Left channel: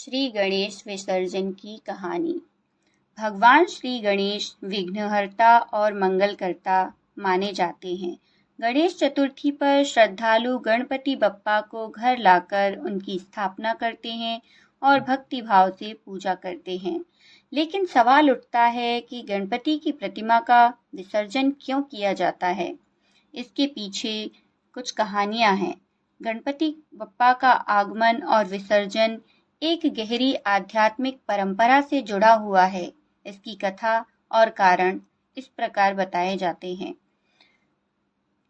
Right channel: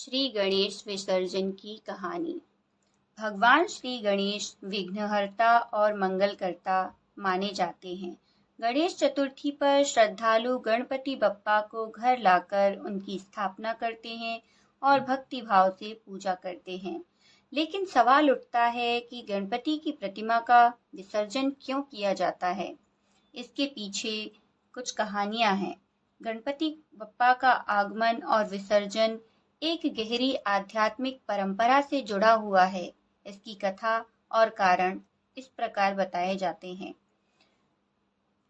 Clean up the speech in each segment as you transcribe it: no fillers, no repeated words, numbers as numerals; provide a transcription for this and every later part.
श्री गणेश विसर्जन की कहानी। भगवान श्री गणेश विघ्नहर्ता और मंगलकर्ता माने जाते हैं। गणेश चतुर्थी पर श्रद्धालु गणपति बप्पा को घर लाकर उनकी स्थापना करते हैं और भक्ति भाव से पूजा करते हैं। लेकिन सवाल उठता है कि गणपति की प्रतिमा का विसर्जन क्यों किया जाता है? इसके पीछे कुछ कहानियां हैं। गणपति बप्पा का आगमन और विसर्जन एक गहरी आध्यात्मिक परंपरा से जुड़ा हुआ है। इसकी कथा और कारण इस प्रकार बताए जाते हैं।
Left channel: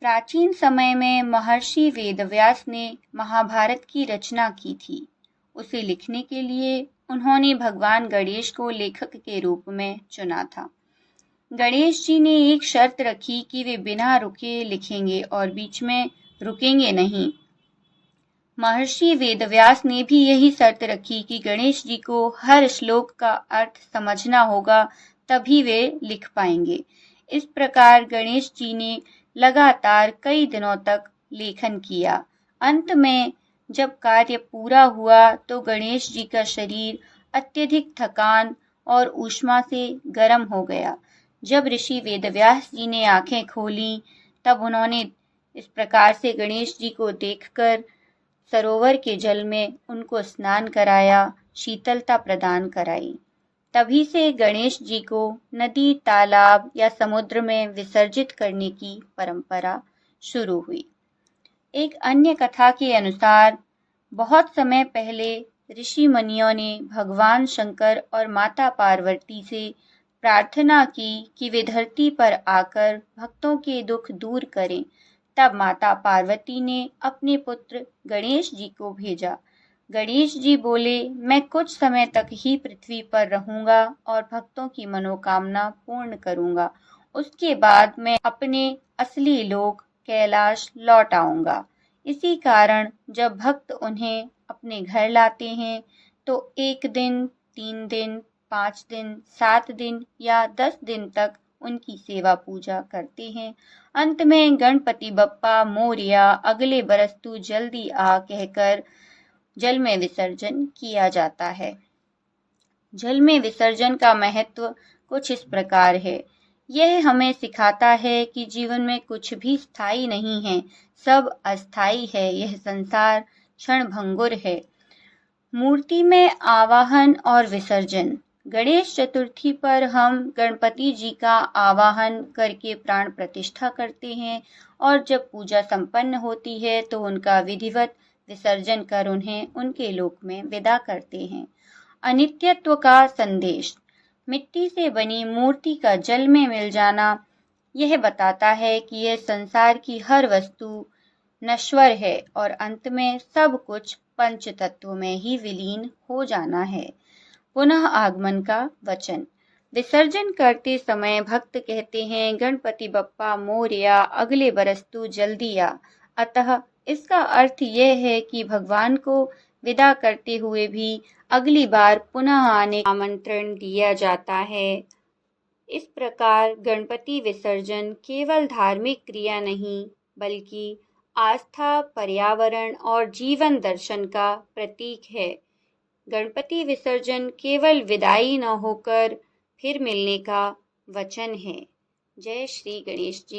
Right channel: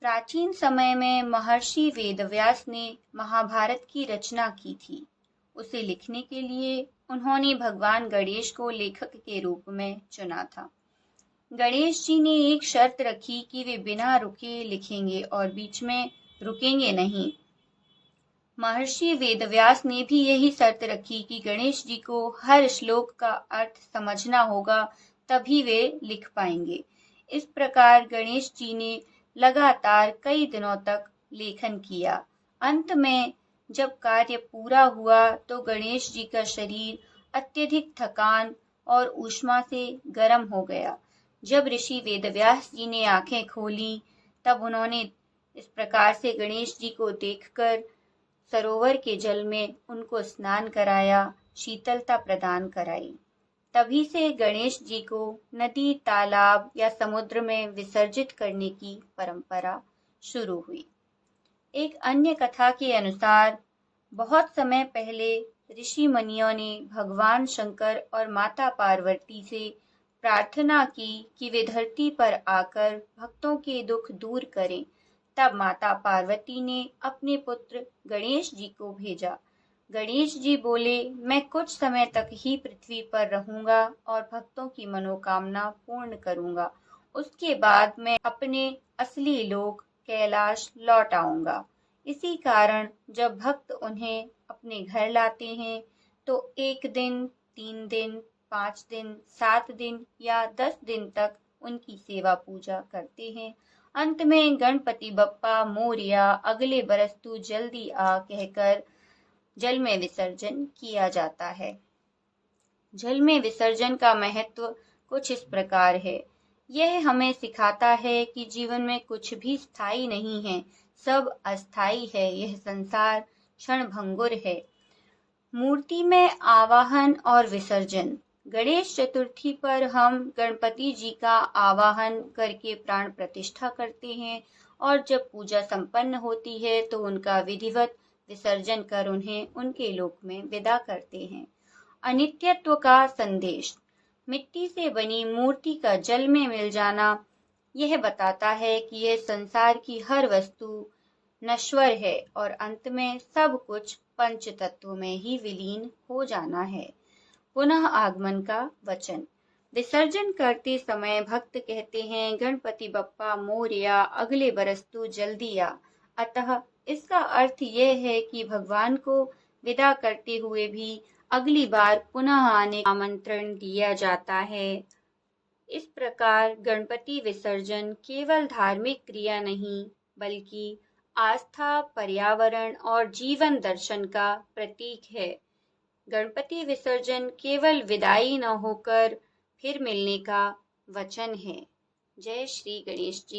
प्राचीन समय में महर्षि वेदव्यास ने महाभारत की रचना की थी। उसे लिखने के लिए उन्होंने भगवान गणेश को लेखक के रूप में चुना था। गणेश जी ने एक शर्त रखी कि वे बिना रुके लिखेंगे और बीच में रुकेंगे नहीं। महर्षि वेदव्यास ने भी यही शर्त रखी कि गणेश जी को हर श्लोक का अर्थ समझना होगा, तभी वे लिख पाएंगे। इस प्रकार गणेश जी ने लगातार कई दिनों तक लेखन किया। अंत में जब कार्य पूरा हुआ तो गणेश जी का शरीर अत्यधिक थकान और ऊष्मा से गर्म हो गया। जब ऋषि वेदव्यास जी ने आंखें खोली तब उन्होंने इस प्रकार से गणेश जी को देखकर सरोवर के जल में उनको स्नान कराया, शीतलता प्रदान कराई। तभी से गणेश जी को नदी, तालाब या समुद्र में विसर्जित करने की परंपरा शुरू हुई। एक अन्य कथा के अनुसार बहुत समय पहले ऋषि मुनियों ने भगवान शंकर और माता पार्वती से प्रार्थना की कि वे धरती पर आकर भक्तों के दुख दूर करें। तब माता पार्वती ने अपने पुत्र गणेश जी को भेजा। गणेश जी बोले, मैं कुछ समय तक ही पृथ्वी पर रहूंगा और भक्तों की मनोकामना पूर्ण करूंगा। उसके बाद मैं अपने असली लोक कैलाश लौट आऊंगा। इसी कारण जब भक्त उन्हें अपने घर लाते हैं तो 1 दिन, 3 दिन, 5 दिन, 7 दिन या 10 दिन तक उनकी सेवा पूजा करते हैं। अंत में गणपति बप्पा मोरया, अगले बरस तू जल्दी आ कहकर जल में विसर्जन किया जाता है। जल में विसर्जन का महत्व कुछ इस प्रकार है। यह हमें सिखाता है कि जीवन में कुछ भी स्थायी नहीं है, सब अस्थायी है। यह संसार क्षणभंगुर है। मूर्ति में आवाहन और विसर्जन। गणेश चतुर्थी पर हम गणपति जी का आवाहन करके प्राण प्रतिष्ठा करते हैं और जब पूजा संपन्न होती है तो उनका विधिवत विसर्जन कर उन्हें उनके लोक में विदा करते हैं। अनित्यत्व का संदेश। मिट्टी से बनी मूर्ति का जल में मिल जाना यह बताता है कि यह संसार की हर वस्तु नश्वर है और अंत में सब कुछ पंच तत्व में ही विलीन हो जाना है। पुनः आगमन का वचन। विसर्जन करते समय भक्त कहते हैं, गणपति बप्पा मोरया, अगले बरस तू जल्दी आ। अतः इसका अर्थ यह है कि भगवान को विदा करते हुए भी अगली बार पुनः आने का आमंत्रण दिया जाता है। इस प्रकार गणपति विसर्जन केवल धार्मिक क्रिया नहीं बल्कि आस्था, पर्यावरण और जीवन दर्शन का प्रतीक है। गणपति विसर्जन केवल विदाई न होकर फिर मिलने का वचन है। जय श्री गणेश जी।